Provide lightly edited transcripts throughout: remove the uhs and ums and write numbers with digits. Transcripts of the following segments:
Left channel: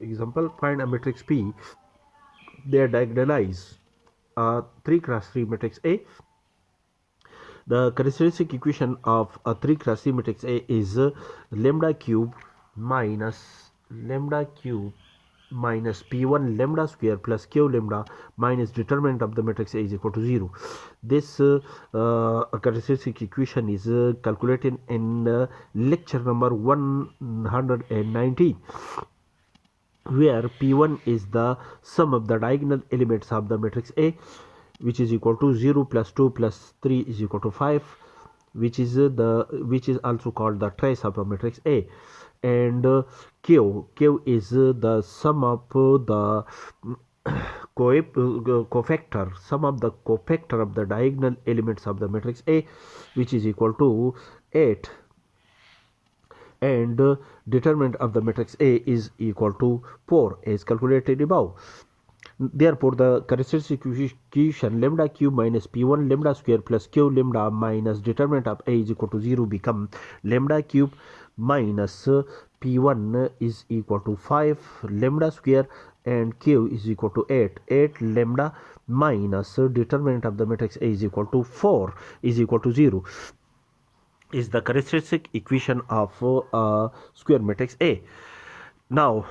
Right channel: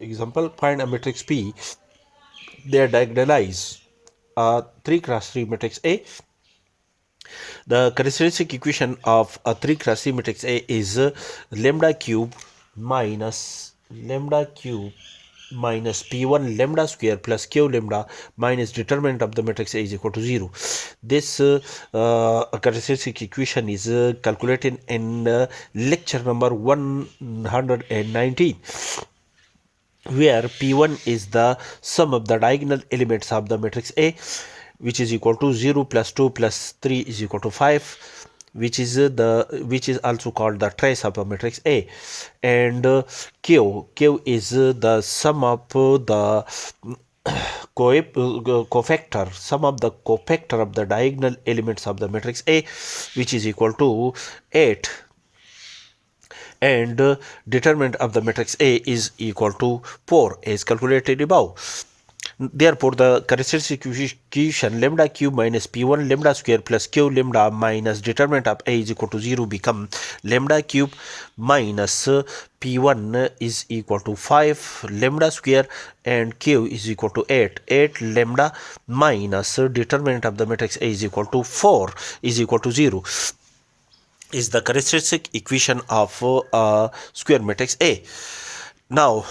Example, find a matrix P. They diagonalize a 3 cross 3 matrix A. The characteristic equation of a 3 cross 3 matrix A is lambda cube minus p1 lambda square plus q lambda minus determinant of the matrix A is equal to 0. This characteristic equation is calculated in lecture number 119, where P1 is the sum of the diagonal elements of the matrix A, which is equal to 0 plus 2 plus 3 is equal to 5, which is also called the trace of a matrix A, and Q is the sum of the cofactor, sum of the cofactor of the diagonal elements of the matrix A, which is equal to 8, and determinant of the matrix A is equal to 4 as calculated above. Therefore, the characteristic equation lambda cube minus p1 lambda square plus q lambda minus determinant of A is equal to 0 become lambda cube minus p1 is equal to 5 lambda square and q is equal to 8 lambda minus determinant of the matrix A is equal to 4 is equal to 0 is the characteristic equation of a square matrix A. Now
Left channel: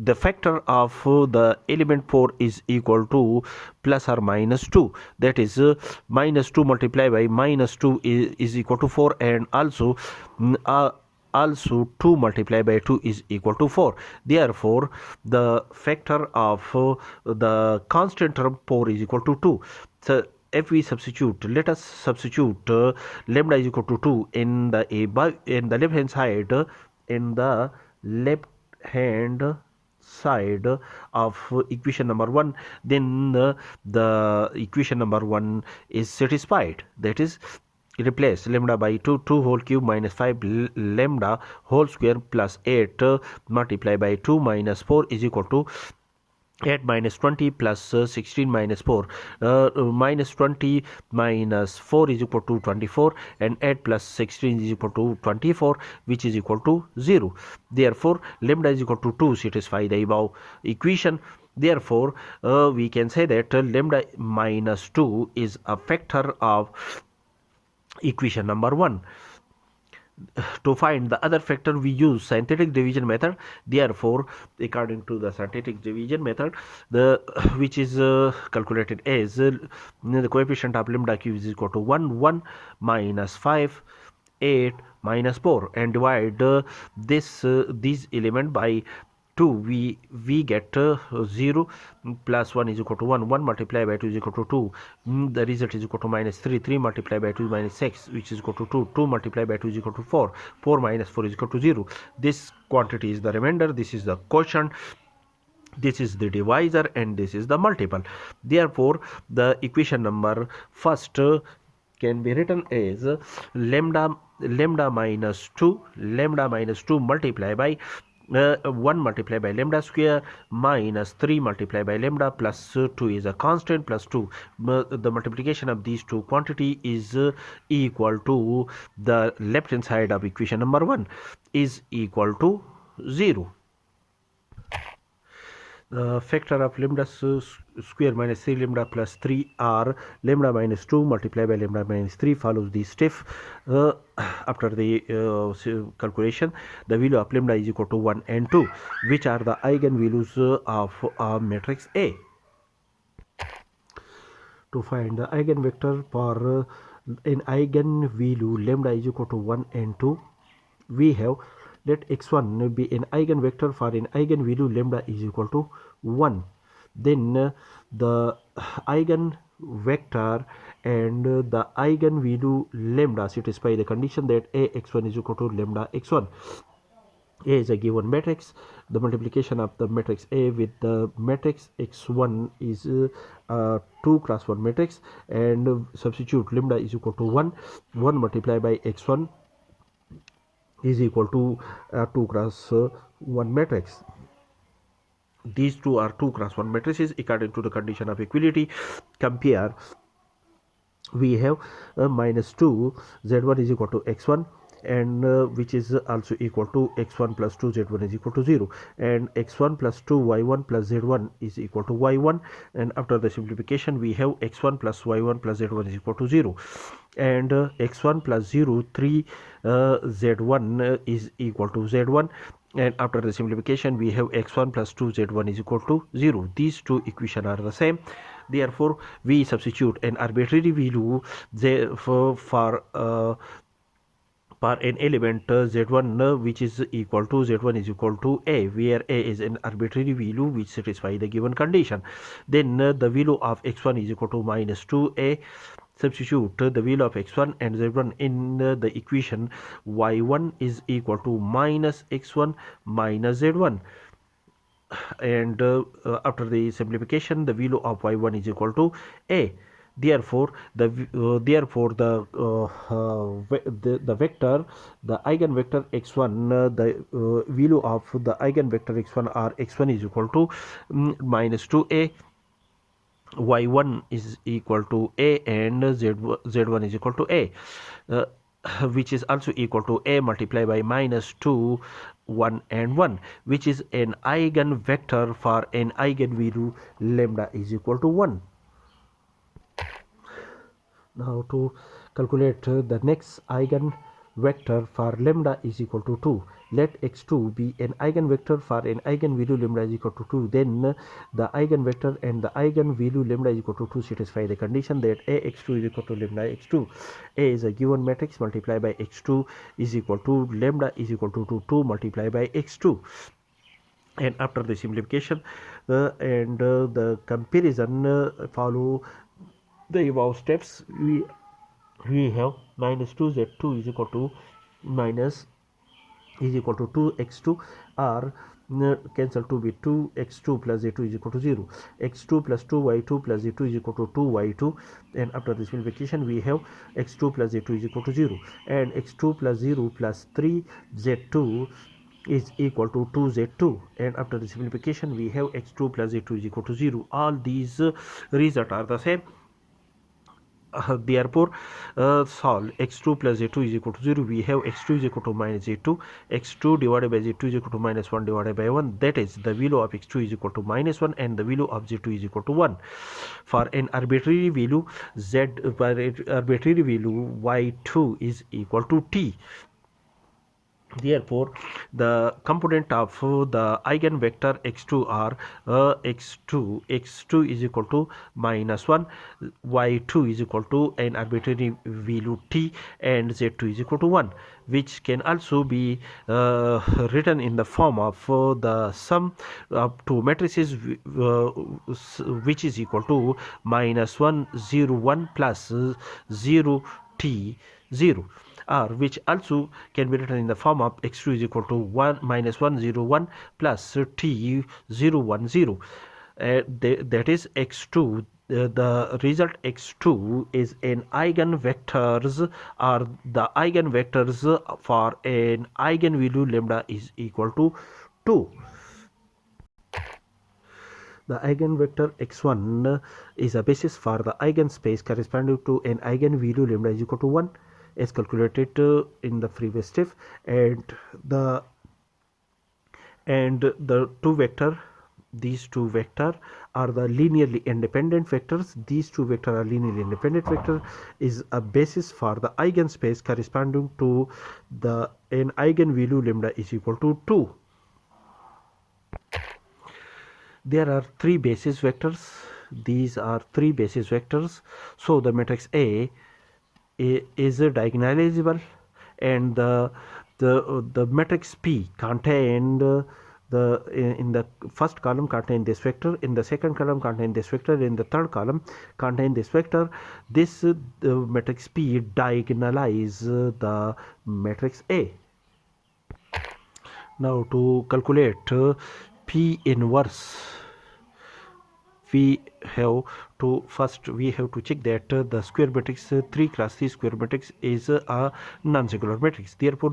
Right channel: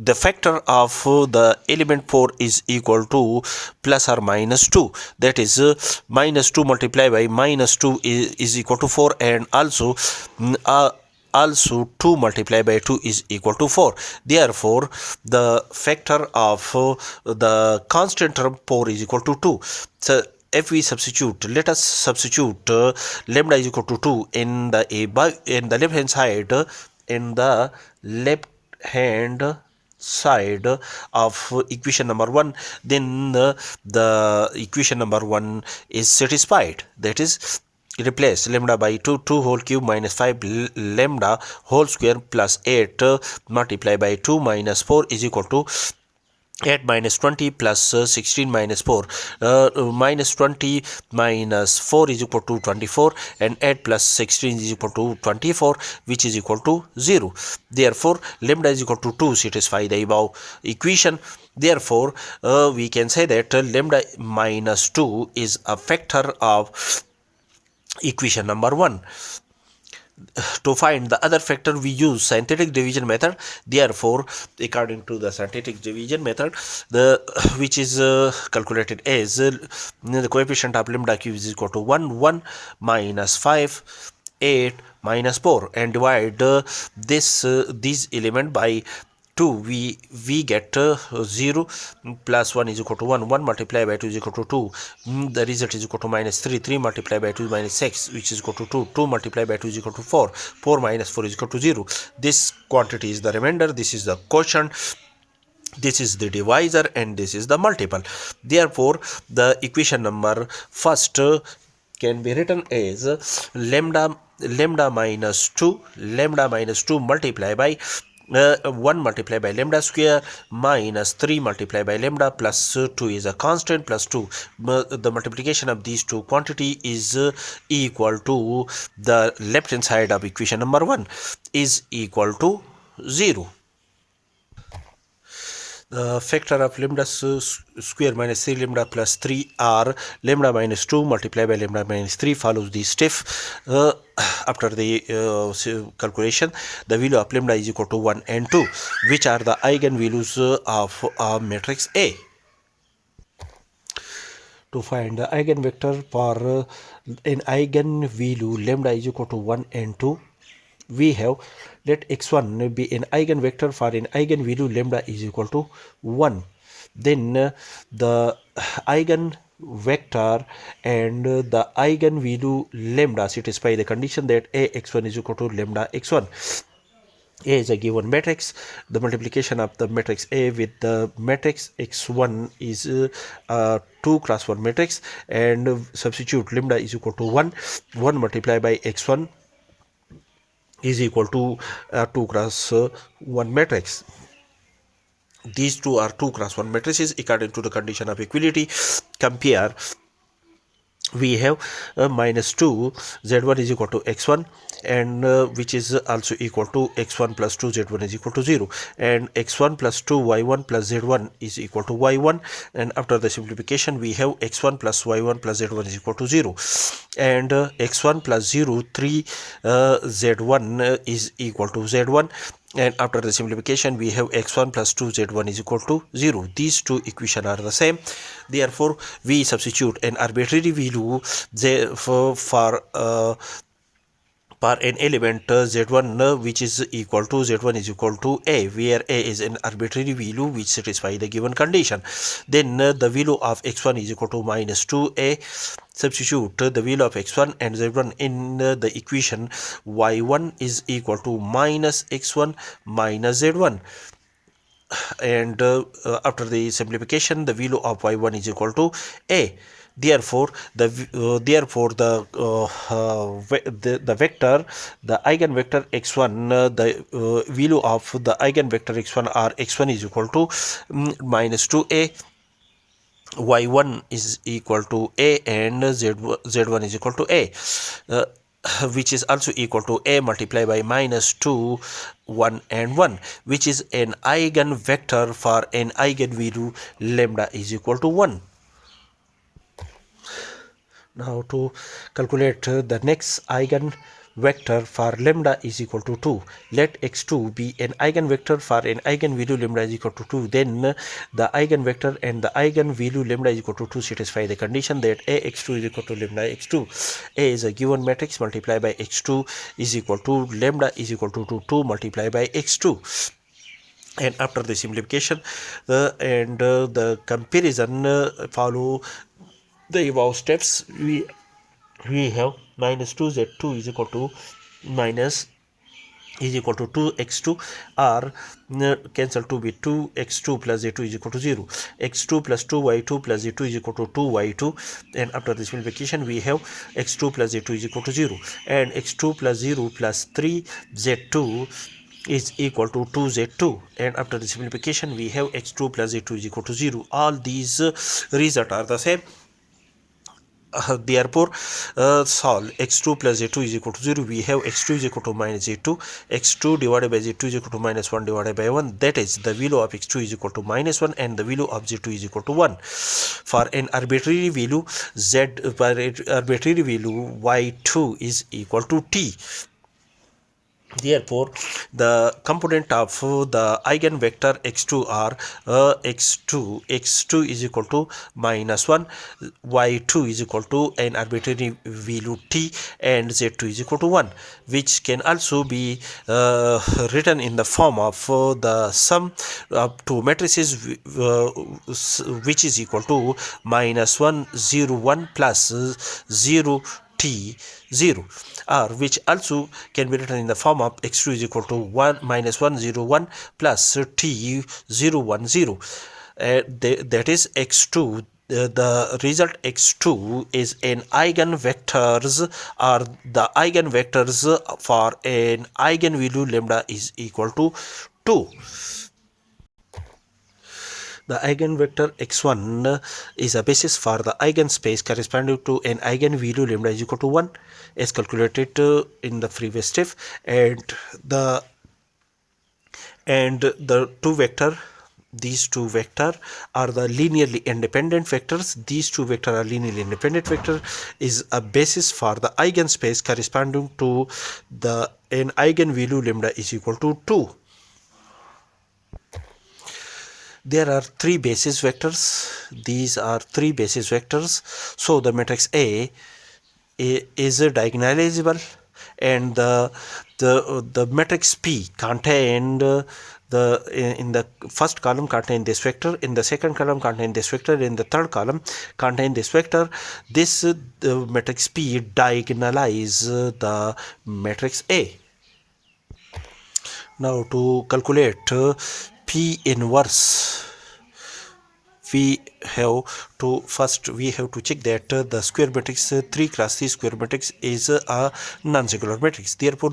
the factor of the element 4 is equal to plus or minus 2, that is minus 2 multiplied by minus 2 is equal to 4, and also 2 multiplied by 2 is equal to 4. Therefore, the factor of the constant term 4 is equal to 2. So if we substitute, let us substitute lambda is equal to 2 in the left hand side, in the left hand side of equation number 1, then the equation number 1 is satisfied. That is, replace lambda by 2 whole cube minus 5 lambda whole square plus 8 multiplied by 2 minus 4 is equal to 8 minus 20 plus 16 minus 4. Minus 20 minus 4 is equal to 24, and 8 plus 16 is equal to 24, which is equal to 0. Therefore, lambda is equal to 2 satisfy the above equation. Therefore, we can say that lambda minus 2 is a factor of equation number 1. To find the other factor, we use synthetic division method. Therefore, according to the synthetic division method, which is calculated as the coefficient of lambda cube is equal to 1 minus 5 8 minus 4, and divide these element by 2, we get 0 plus 1 is equal to 1 multiplied by 2 is equal to 2. The result is equal to minus 3 multiplied by 2 is minus 6, which is equal to 2 multiplied by 2 is equal to 4 minus 4 is equal to 0. This quantity is the remainder, this is the quotient, this is the divisor, and this is the multiple. Therefore, the equation number first can be written as lambda minus 2 multiplied by 1 multiplied by lambda square minus 3 multiplied by lambda plus 2 is a constant plus 2. The multiplication of these two quantity is equal to the left hand side of equation number 1 is equal to 0. The factor of lambda square minus 3 lambda plus 3 are lambda minus 2 multiplied by lambda minus 3 follows the step. After the calculation, the value of lambda is equal to 1 and 2, which are the eigenvalues of matrix A. To find the eigenvector for an eigenvalue lambda is equal to 1 and 2, we have, let x1 be an eigenvector for an eigenvalue lambda is equal to 1. Then the eigenvector and the eigenvalue lambda satisfy the condition that ax1 is equal to lambda x1. A is a given matrix. The multiplication of the matrix A with the matrix x1 is a 2 cross 1 matrix, and substitute lambda is equal to 1 multiplied by x1 is equal to 2 cross 1 matrix. These two are 2 cross 1 matrices according to the condition of equality. Compare. We have minus 2 z1 is equal to x1 and which is also equal to x1 plus 2 z1 is equal to 0, and x1 plus 2 y1 plus z1 is equal to y1, and after the simplification we have x1 plus y1 plus z1 is equal to 0, and x1 plus 0 3 z1 is equal to z1, and after the simplification we have x1 plus 2 z1 is equal to 0. These two equations are the same, therefore we substitute an arbitrary value for an element z1 which is equal to z1 is equal to a, where a is an arbitrary value which satisfy the given condition. Then the value of x1 is equal to minus 2a. Substitute the value of x1 and z1 in the equation. Y1 is equal to minus x1 minus z1, and after the simplification the value of y1 is equal to a. Therefore the vector, the eigenvector x1, the value of the eigenvector x1 are x1 is equal to minus 2a, y1 is equal to a, and z1 is equal to a, uh, which is also equal to a multiplied by minus 2 1 and 1, which is an eigenvector for an eigenvalue lambda is equal to 1. Now to calculate the next eigenvector for lambda is equal to 2. Let x2 be an eigenvector for an eigenvalue lambda is equal to 2. Then the eigenvector and the eigenvalue lambda is equal to 2 satisfy the condition that ax2 is equal to lambda x2. A is a given matrix multiplied by x2 is equal to lambda is equal to 2 multiplied by x2. And after the simplification the comparison follow the above steps, we have minus 2z2 is equal to minus is equal to 2x2 or cancel 2 with 2x2 plus z2 is equal to 0, x2 plus 2y2 plus z2 is equal to 2y2, and after the simplification we have x2 plus z2 is equal to 0, and x2 plus 0 plus 3z2 is equal to 2z2, and after the simplification we have x2 plus z2 is equal to 0. All these results are the same. Therefore solve x2 plus z2 is equal to 0. We have x2 is equal to minus z2, x2 divided by z2 is equal to minus 1 divided by 1, that is the value of x2 is equal to minus 1 and the value of z2 is equal to 1. For an arbitrary value y2 is equal to t. Therefore the component of the eigenvector x2 are x2 is equal to minus 1, y2 is equal to an arbitrary value t, and z2 is equal to 1, which can also be written in the form of the sum of two matrices which is equal to minus 1 0 1 plus 0 t 0, or which also can be written in the form of x2 is equal to 1 minus 1 0 1 plus t 0 1 0. That is x2. The result x2 is an eigenvectors, or the eigenvectors for an eigenvalue lambda is equal to 2. The eigenvector x1 is a basis for the eigenspace corresponding to an eigenvalue lambda is equal to 1 as calculated in the previous step, and the two vector, these two vector are the linearly independent vectors. These two vector are linearly independent vector is a basis for the eigenspace corresponding to the an eigenvalue lambda is equal to 2. There are three basis vectors. These are three basis vectors. So the matrix A is diagonalizable, and the matrix P contained in the first column contain this vector, in the second column contain this vector, in the third column contain this vector. This matrix P diagonalize the matrix A. Now to calculate P inverse we have to first we have to check that the square matrix 3 cross 3 square matrix is a non-singular matrix. Therefore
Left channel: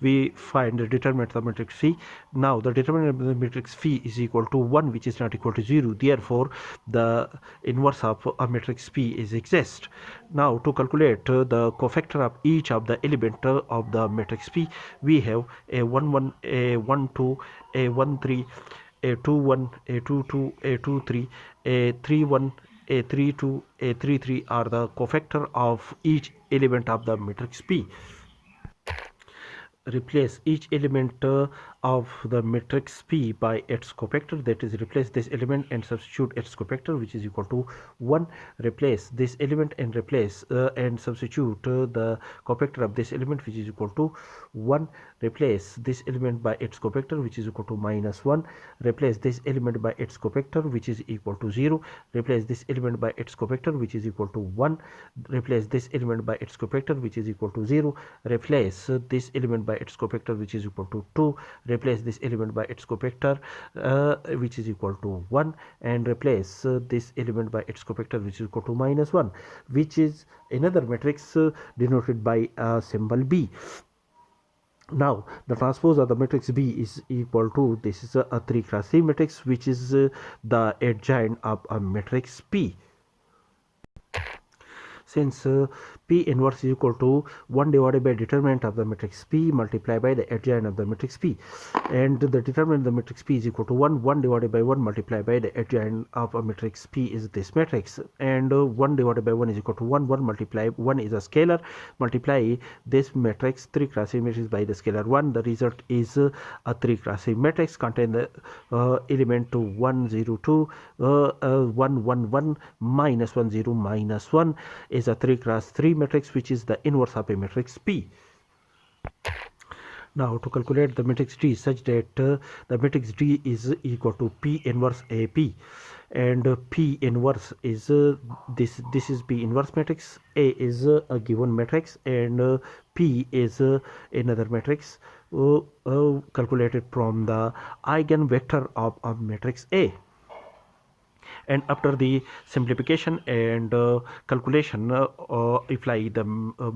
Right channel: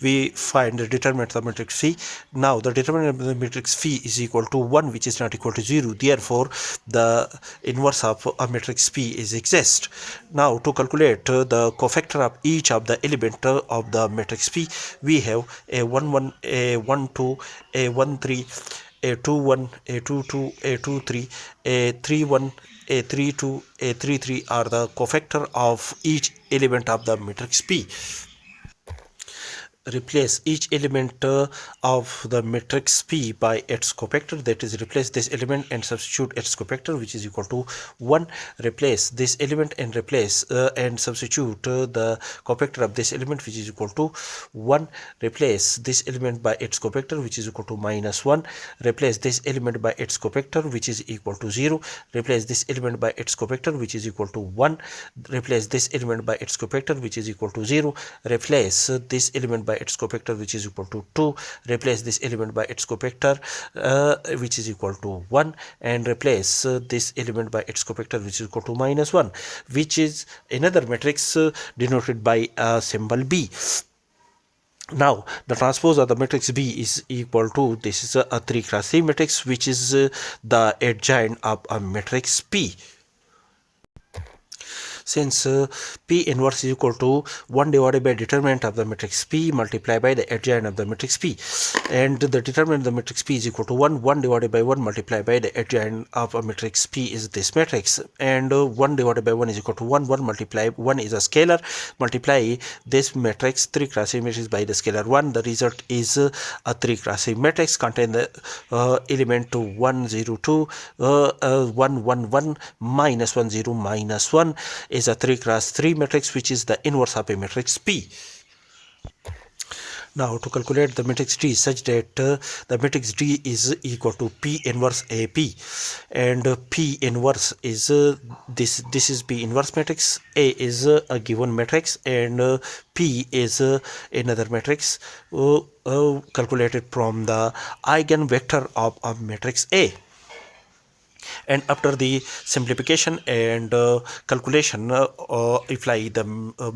we find the determinant of the matrix phi. Now the determinant of the matrix phi is equal to 1, which is not equal to 0. Therefore the inverse of a matrix p is exist. Now to calculate the cofactor of each of the element of the matrix p, we have a 1 1, a 1 2, a 1 3, a 2 1, a 2 2, a 2 3, a 3 1, a 3 2, a 3 3 are the cofactor of each element of the matrix p. Replace each element of the matrix P by its cofactor, that is replace this element and substitute its cofactor, which is equal to 1. Replace this element and replace and substitute the cofactor of this element, which is equal to 1. Replace this element by its cofactor, which is equal to -1. Replace this element by its cofactor, which is equal to 0. Replace this element by its cofactor, which is equal to 1. Replace this element by its cofactor, which is equal to 0. Replace this element by its cofactor, which is equal to 2. Replace this element by its cofactor, which is equal to 1. And replace this element by its cofactor, which is equal to -1, which is another matrix denoted by a symbol B. Now the transpose of the matrix B is equal to, this is a 3 cross 3 matrix, which is the adjoint of a matrix P. Since P inverse is equal to 1 divided by determinant of the matrix P multiplied by the adjoint of the matrix P, and the determinant of the matrix P is equal to 1 divided by 1 multiplied by the adjoint of a matrix P is this matrix, and 1 divided by 1 is equal to 1 multiply 1 is a scalar, multiply this matrix 3 cross 3 matrix by the scalar 1. The result is a 3 cross 3 matrix contain the element 1 0 2 1 1 1 minus 1 0 minus 1 is a 3 cross 3 matrix, which is the inverse of a matrix P. Now to calculate the matrix D such that the matrix D is equal to P inverse AP, and P inverse is this is P inverse matrix, A is a given matrix, and P is another matrix calculated from the eigenvector of a matrix A. And after the simplification and calculation, apply the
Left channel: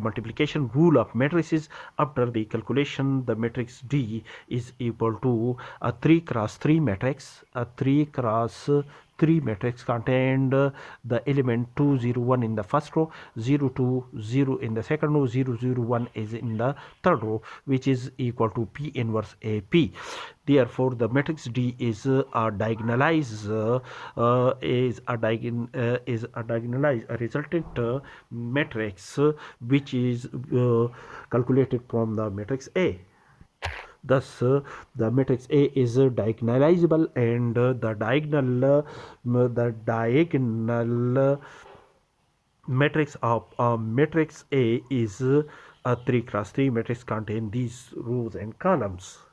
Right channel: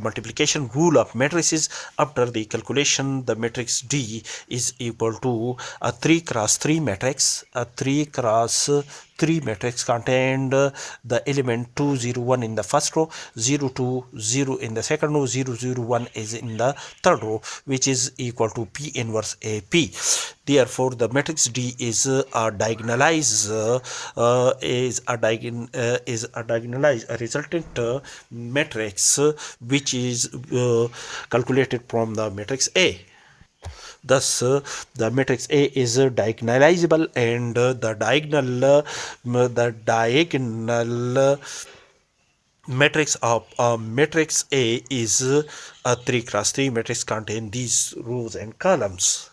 multiplication rule of matrices. After the calculation, the matrix D is equal to a 3 cross 3 matrix. A 3 cross 3 matrix contained the element 2 0 1 in the first row, 0 2 0 in the second row, 0 0 1 is in the third row, which is equal to P inverse AP. Therefore the matrix D is a diagonalize a resultant matrix which is calculated from the matrix A. Thus the matrix A is diagonalizable, and the diagonal matrix of matrix A is a 3 cross 3 matrix contain these rows and columns.